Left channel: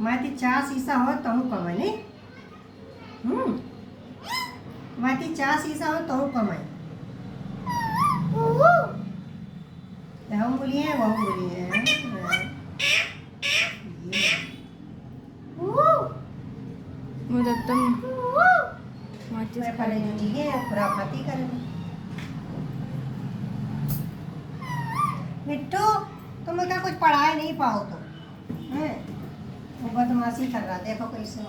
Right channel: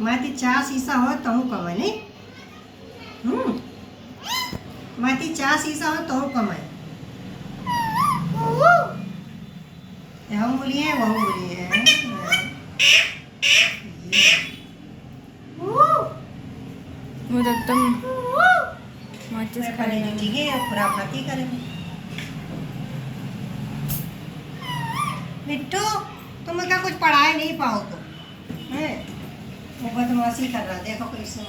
माथी 4 शीशा हो तो हूँ कमाए नहीं। माथी 4 शीशा हो तो हूँ कमाए। हम बोलिए वह बोलिए। वो तो तुम माचिस खा रहे हो। ठीक है खुराफाती करेंगे। मिट्टू तुम क्या कुछ पढ़ाए नहीं पाओ तो है वो बदमाशी कर रहा। देखो कैसे